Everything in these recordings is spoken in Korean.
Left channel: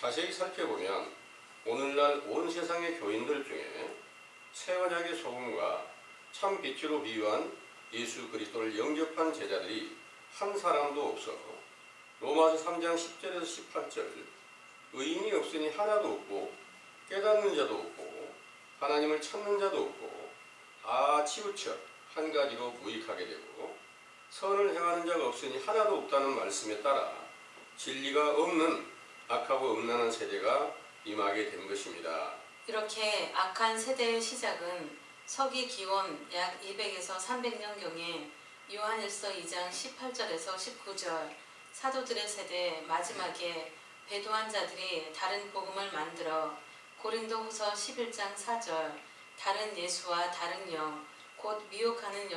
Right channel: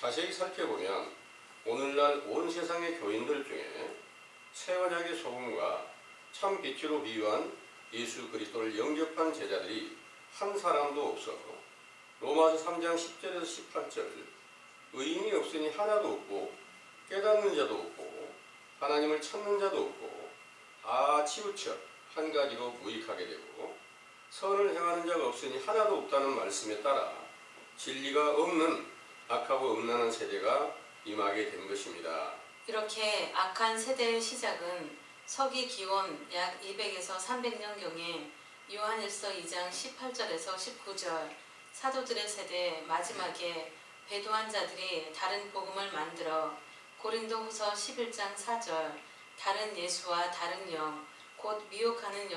자세히 살펴보면 오늘날 온 세상의 교인들 중에 새 언약의 소금과 참 빛으로 비유한 예수 그리스도를 영접한 제자들이 한 사람도 없어 로마서 3장 10절에서 18절 의인이 없으니 하나도 없고 깨닫는 자도 없고 하나님을 찾는 자도 없고 다 치우쳐 한 가지로 무익하게 되고 선을 행하는 자가 없으니 하나도 없다는 말씀에 따라 진리가 없는 악하고 음란한 세대가 임하게 된 것입니다. 이렇게 악한 세대의 시작은 서기 기원 약 200에서 300년경에 요한일서 2장 18절에서 19절 사도들의 세대 마지막에 배도한 자들이 다른 복음을 만들어 고린도후서 11장 4절 다른 예수와 다른 영 곧 미혹하는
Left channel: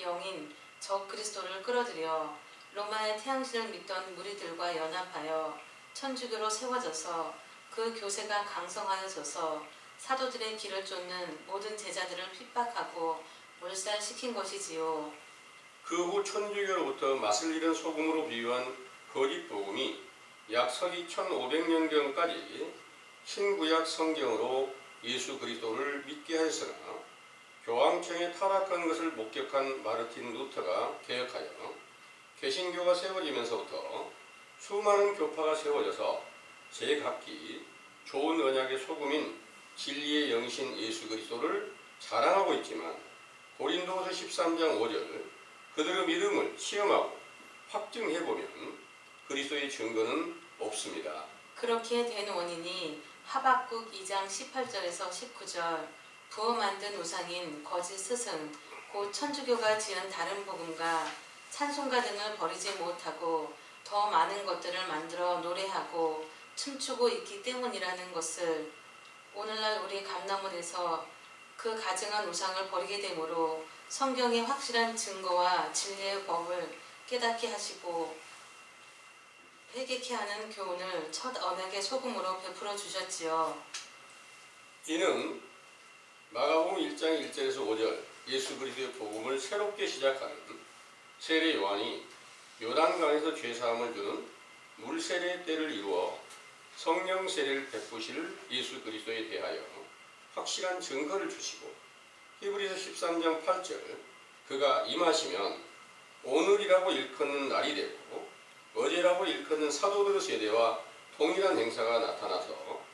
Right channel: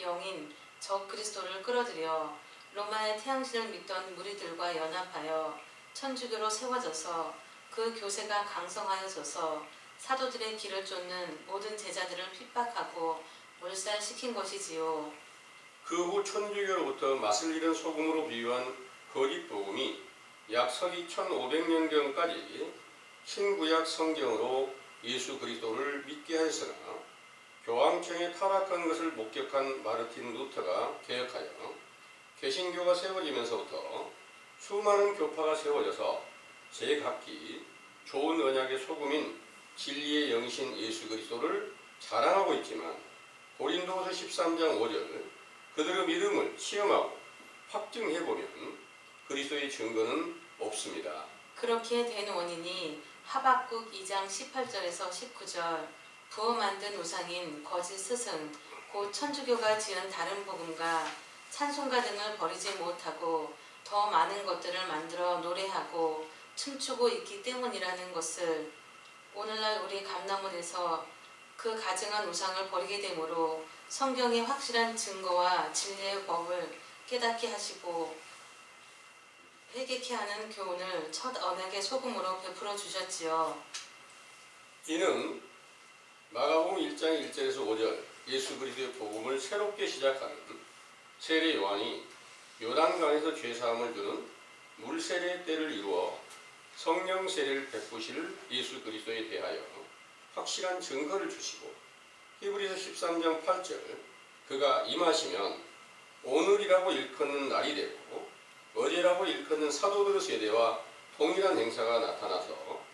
영인 적 그리스도를 끌어들여 로마의 태양신을 믿던 무리들과 연합하여 천주교로 세워져서 그 교세가 강성하여져서 사도들의 길을 쫓는 모든 제자들을 핍박하고 몰살시킨 것이지요. 그 후 천주교로부터 맛을 잃은 소금으로 비유한 거짓 복음이 약 서기 1500년경까지 신구약 성경으로 예수 그리스도를 믿게 하였으나 교황청에 타락한 것을 목격한 마르틴 루터가 개혁하여 개신교가 세워지면서부터 수많은 교파가 세워져서 제각기 좋은 언약의 소금인 진리의 영이신 예수 그리스도를 자랑하고 있지만 고린도후서 13장 5절 그들의 믿음을 시험하고 확증해보면 그리스도의 증거는 없습니다. 그렇게 된 원인이 하박국 2장 18절에서 19절 부어 만든 우상인 거짓 스승 곧 천주교가 지은 다른 복음과 찬송가 등을 버리지 못하고 더 많은 것들을 만들어 노래하고 춤추고 있기 때문이라는 것을 오늘날 우리 감남원에서 그 가증한 우상을 버리게 되므로 성경의 확실한 증거와 진리의 법을 깨닫게 하시고 회개케 하는 교훈을 첫 언약의 소금으로 베풀어 주셨지요. 이는 마가복음 1장 1절에서 5절 예수 그리스도의 복음을 새롭게 시작하는 세례 요한이 요단강에서 죄사함을 주는 물세례 때를 이루어 성령 세례를 베푸실 예수 그리스도에 대하여 확실한 증거를 주시고 히브리서 13장 8절 그가 임하시면 오늘이라고 일컫는 날이 되고 어제라고 일컫는 사도들의 세대와 동일한 행사가 나타나서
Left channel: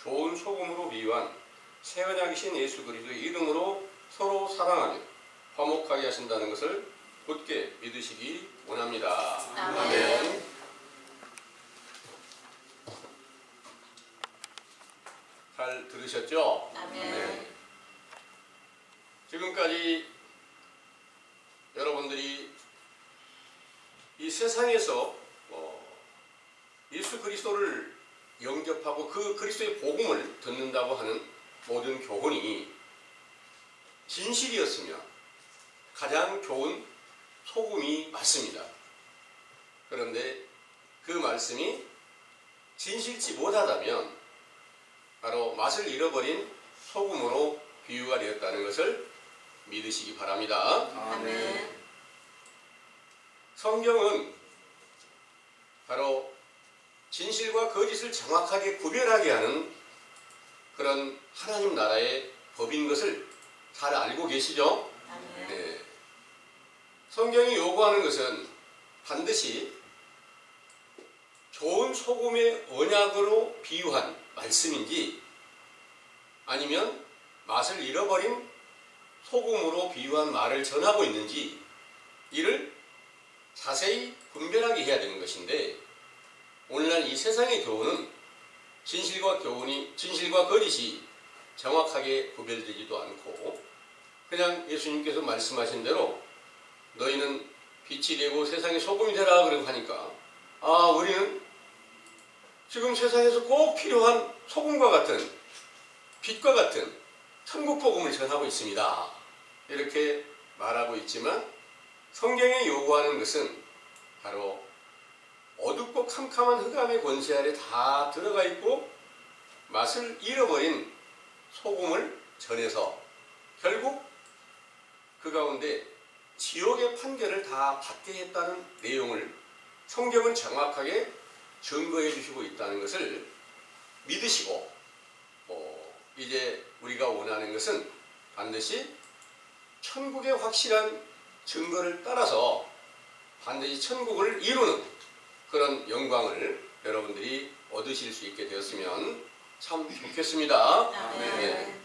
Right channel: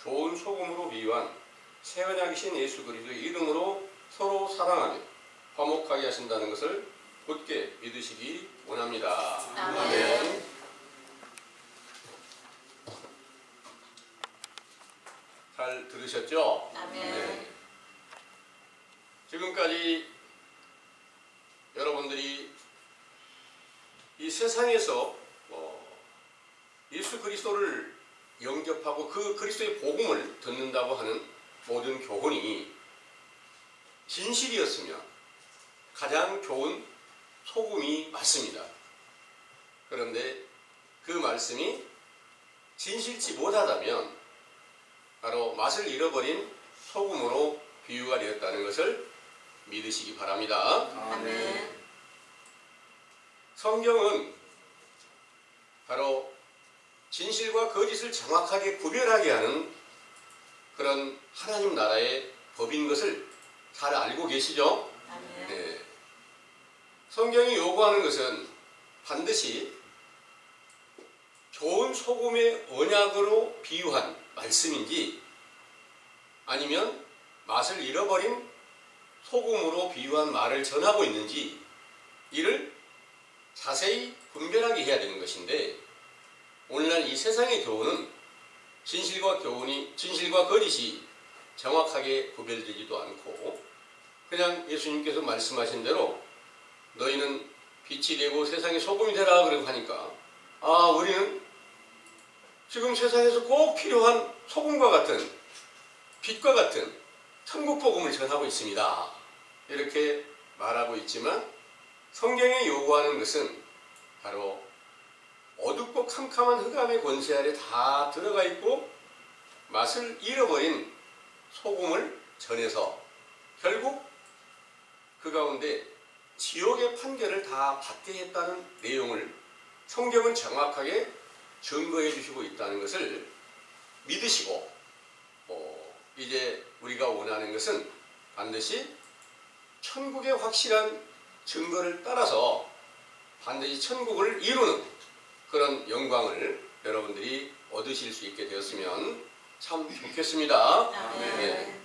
좋은 소금으로 비유한 새 언약이신 예수 그리스도의 이름으로 서로 사랑하며 화목하게 하신다는 것을 굳게 믿으시기 원합니다. 아멘. 잘 들으셨죠? 아멘. 네. 지금까지 여러분들이 이 세상에서 예수 그리스도를 영접하고 그 그리스도의 복음을 듣는다고 하는 모든 교훈이 진실이었으면 가장 좋은 소금이 맞습니다. 그런데 그 말씀이 진실치 못하다면 바로 맛을 잃어버린 소금으로 비유가 되었다는 것을 믿으시기 바랍니다. 아멘. 성경은 바로 진실과 거짓을 정확하게 구별하게 하는 그런 하나님 나라의 법인 것을 잘 알고 계시죠? 아멘. 네. 성경이 요구하는 것은 반드시 좋은 소금의 언약으로 비유한 말씀인지 아니면 맛을 잃어버린 소금으로 비유한 말을 전하고 있는지 이를 자세히 분별하게 해야 되는 것인데 오늘날 이 세상의 교훈은 진실과 거짓이 정확하게 구별되지도 않고 그냥 예수님께서 말씀하신 대로 너희는 빛이 되고 세상의 소금이 되라 그러고 하니까 우리는 지금 세상에서 꼭 필요한 소금과 같은 빛과 같은 천국 복음을 전하고 있습니다. 이렇게 말하고 있지만 성경에 요구하는 것은 바로 어둡고 캄캄한 흑암의 권세 아래 다 들어가 있고 맛을 잃어버린 소금을 전해서 결국 그 가운데 지옥의 판결을 다 받게 했다는 내용을 성경은 정확하게 증거해 주시고 있다는 것을 믿으시고 이제 우리가 원하는 것은 반드시 천국의 확실한 증거를 따라서 반드시 천국을 이루는 그런 영광을 여러분들이 얻으실 수 있게 되었으면 참 좋겠습니다. 아멘. 네.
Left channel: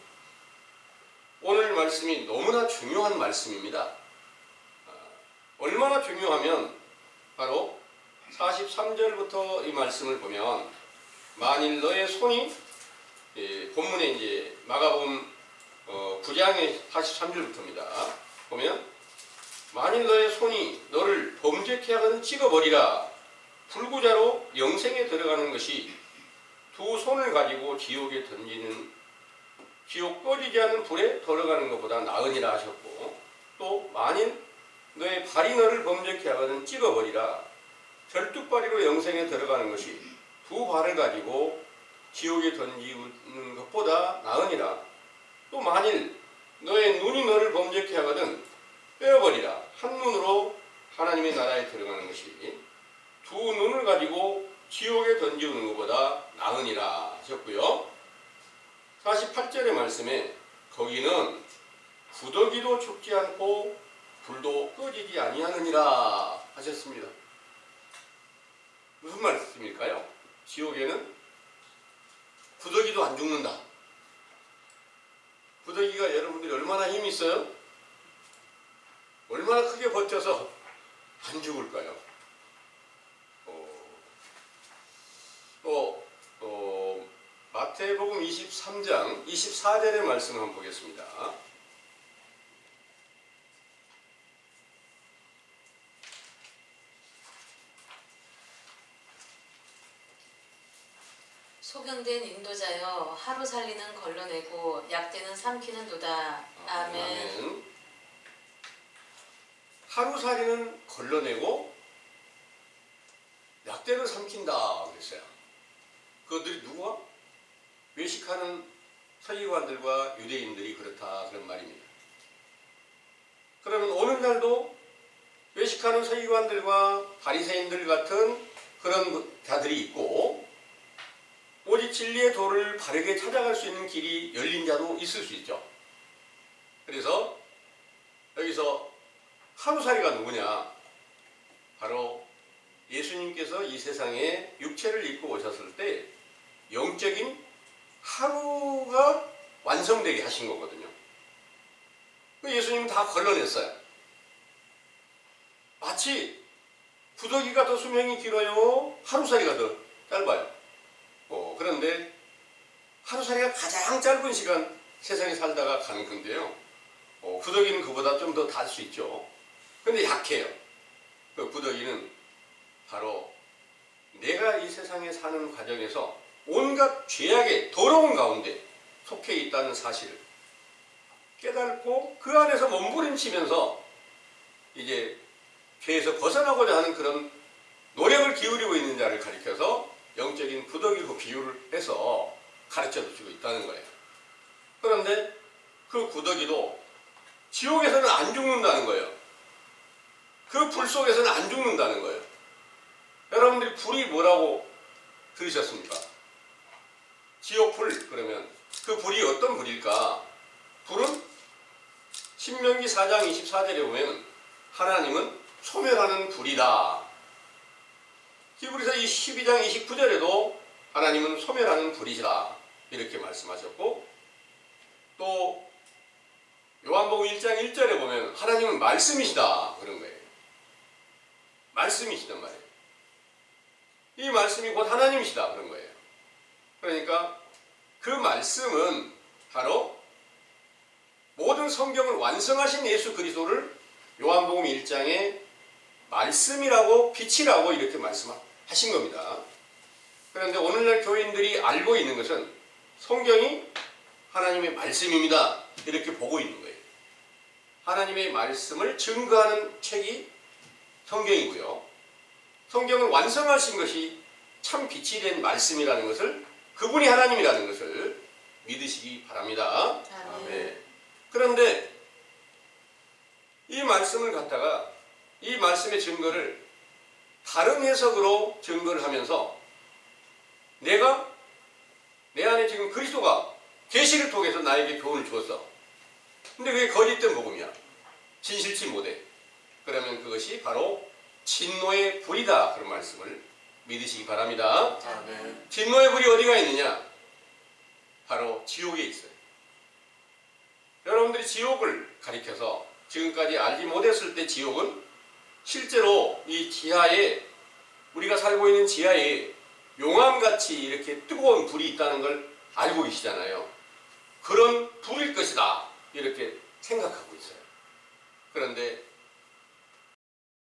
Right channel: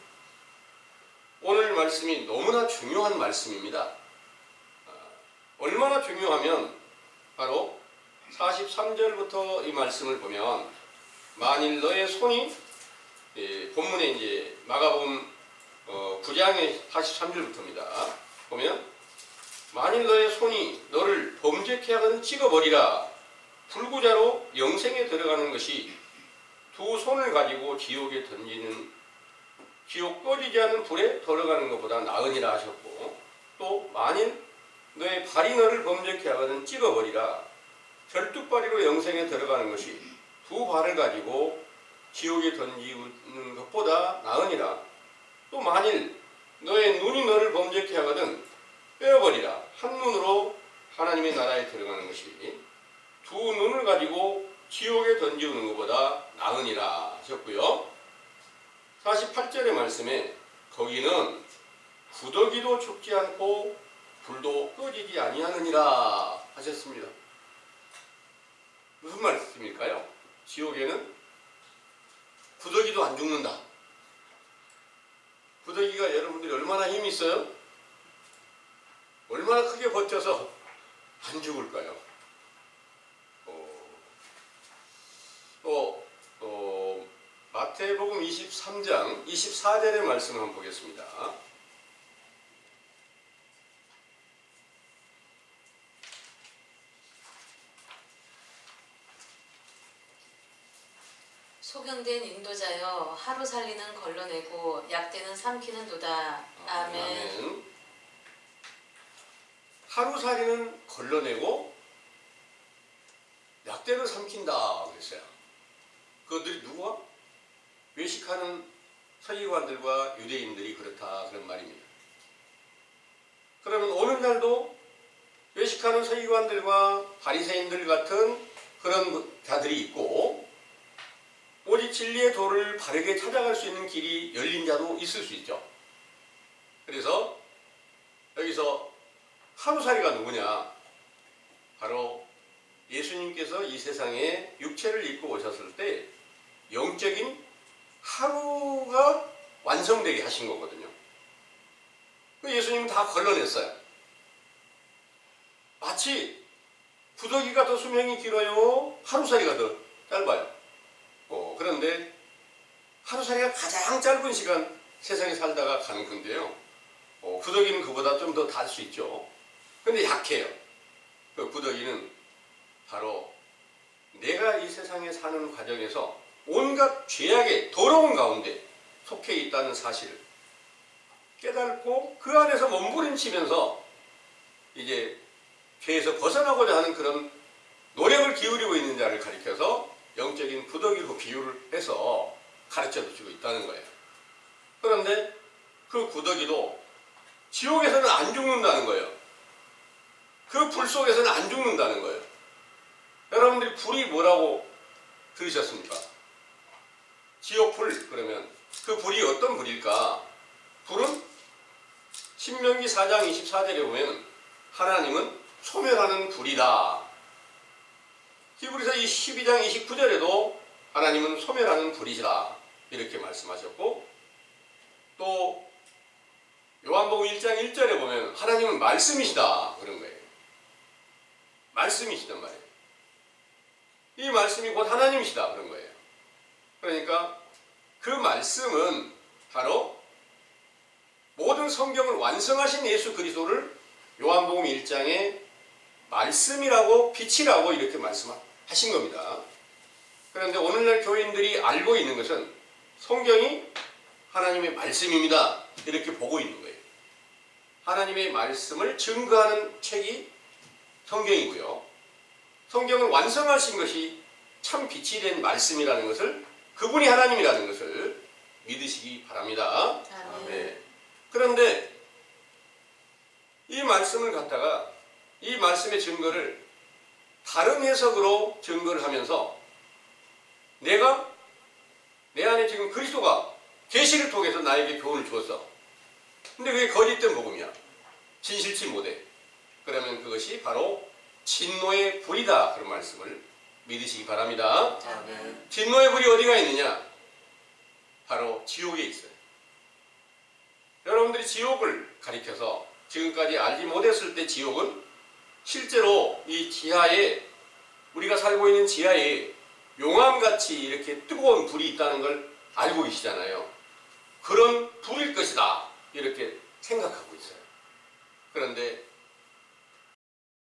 오늘 말씀이 너무나 중요한 말씀입니다. 얼마나 중요하면 바로 43절부터 이 말씀을 보면 만일 너의 손이 본문에 이제 마가복음 9장의 43절부터입니다. 보면 만일 너의 손이 너를 범죄케 하거든 찍어버리라. 불구자로 영생에 들어가는 것이 두 손을 가지고 지옥에 던지는 지옥 꺼지지 않는 불에 들어가는 것보다 나으니라 하셨고, 또 만일 너의 발이 너를 범죄케 하거든 찍어버리라. 절뚝발이로 영생에 들어가는 것이 두 발을 가지고 지옥에 던지는 것보다 나으니라. 또 만일 너의 눈이 너를 범죄케 하거든 빼어버리라. 한 눈으로 하나님의 나라에 들어가는 것이 두 눈을 가지고 지옥에 던지는 것보다 나으니라 하셨고요. 48절의 말씀에 거기는 구더기도 죽지 않고 불도 꺼지지 아니하느니라 하셨습니다. 무슨 말씀일까요? 지옥에는 구더기도 안 죽는다. 구더기가 여러분들이 얼마나 힘이 있어요? 얼마나 크게 버텨서 안 죽을까요? 마태복음 23장 24절의 말씀을 한번 보겠습니다. 소경된 인도자여 하루 살리는 걸러내고 약대는 삼키는도다. 아멘. 아멘. 하루살이는 걸러내고 약대를 삼킨다 그랬어요. 그것들이 누구와? 외식하는 서기관들과 유대인들이 그렇다 그런 말입니다. 그러면 오늘날도 외식하는 서기관들과 바리새인들 같은 그런 자들이 있고, 오직 진리의 도를 바르게 찾아갈 수 있는 길이 열린 자도 있을 수 있죠. 그래서 여기서 하루살이가 누구냐? 바로 예수님께서 이 세상에 육체를 입고 오셨을 때 영적인 하루가 완성되게 하신 거거든요. 예수님은 다 걸러냈어요. 마치 구더기가 더 수명이 길어요? 하루살이가 더 짧아요? 그런데 하루살이가 가장 짧은 시간 세상에 살다가 가는 건데요. 구더기는 그보다 좀 더 달 수 있죠. 근데 약해요. 그 구더기는 바로 내가 이 세상에 사는 과정에서 온갖 죄악의 더러운 가운데 속해 있다는 사실을 깨닫고 그 안에서 몸부림치면서 이제 죄에서 벗어나고자 하는 그런 노력을 기울이고 있는 자를 가리켜서 영적인 구더기로 비유를 해서 가르쳐 주고 있다는 거예요. 그런데 그 구더기도 지옥에서는 안 죽는다는 거예요. 그 불 속에서는 안 죽는다는 거예요. 여러분들이 불이 뭐라고 들으셨습니까? 지옥불 그러면 그 불이 어떤 불일까? 불은 신명기 4장 24절에 보면 하나님은 소멸하는 불이다. 히브리서 12장 29절에도 하나님은 소멸하는 불이시다 이렇게 말씀하셨고, 또 요한복음 1장 1절에 보면 하나님은 말씀이시다 그런 거예요. 말씀이시단 말이에요. 이 말씀이 곧 하나님이시다 그런 거예요. 그러니까 그 말씀은 바로 모든 성경을 완성하신 예수 그리스도를 요한복음 1장에 말씀이라고 빛이라고 이렇게 말씀하신 겁니다. 그런데 오늘날 교인들이 알고 있는 것은 성경이 하나님의 말씀입니다 이렇게 보고 있는 거예요. 하나님의 말씀을 증거하는 책이 성경이고요. 성경을 완성하신 것이 참 빛이 된 말씀이라는 것을, 그분이 하나님이라는 것을 믿으시기 바랍니다. 네. 그런데 이 말씀을 갖다가 이 말씀의 증거를 다른 해석으로 증거를 하면서 내가 지금 그리스도가 계시를 통해서 나에게 교훈을 주었어. 근데 그게 거짓된 복음이야. 진실치 못해. 그러면 그것이 바로 진노의 불이다. 그런 말씀을 믿으시기 바랍니다. 아멘. 진노의 불이 어디가 있느냐? 바로 지옥에 있어요. 여러분들이 지옥을 가리켜서 지금까지 알지 못했을 때 지옥은 실제로 이 지하에, 우리가 살고 있는 지하에 용암같이 이렇게 뜨거운 불이 있다는 걸 알고 계시잖아요. 그런 불일 것이다 이렇게 생각하고 있어요. 그런데